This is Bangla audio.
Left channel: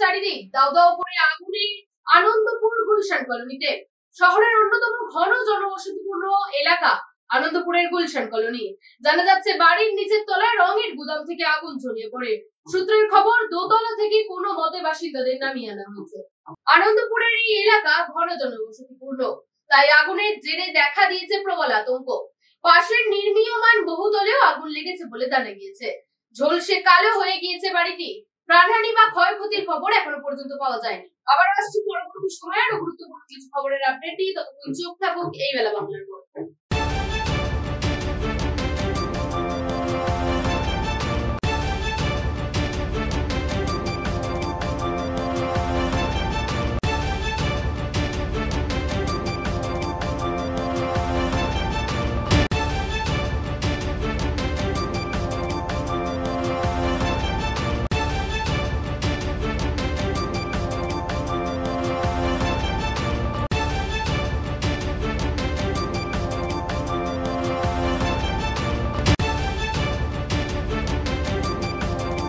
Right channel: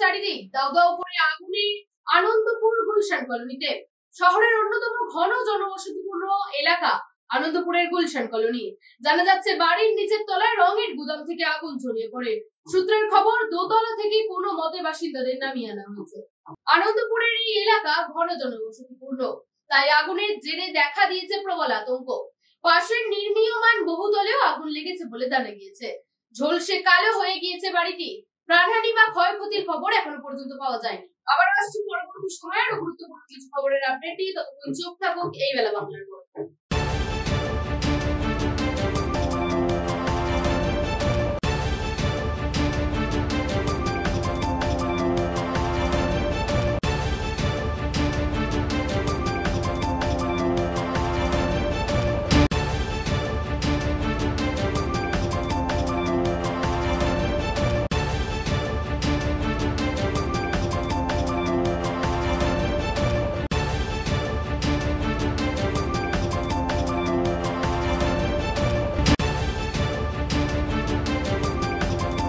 চারিদিক, দাউ দাউ করে আগুনে আনন্দপুর গুলশান কলোনিতে। শহরের অন্যতম ঘন জনবসতিপূর্ণ এলাকা আনন্দপুরের গুলশান কলোনি। জানা যাচ্ছে বাড়ির নিচের তলায় রঙের গুদাম থেকে আগুন ছড়িয়ে পড়ে। সূত্রের খবর, দোতলা থেকে কোনো মতে বাসিন্দাদের নামিয়ে আনা হয়েছে। আনন্দপুরের এই এলাকা ঘন জনবসতিপূর্ণ, তাই আগুনের জেরে দেখা দিয়েছে প্রবল আতঙ্ক। পাশের নির্মীয়মান বহুতলেও আগুন লেগেছে বলে জানা গিয়েছে। ঝলসে কালো হয়ে গিয়েছে বাড়িটি। প্রাণহানি বা ক্ষয়ক্ষতির খবর এখনো পর্যন্ত পাওয়া যায়নি। আবার আসছি পরবর্তী সময়ের গুরুত্বপূর্ণ কিছু খবরের আপডেট নিয়ে। ততক্ষণ চোখ থাকুক এই বেলা বাংলার উপর।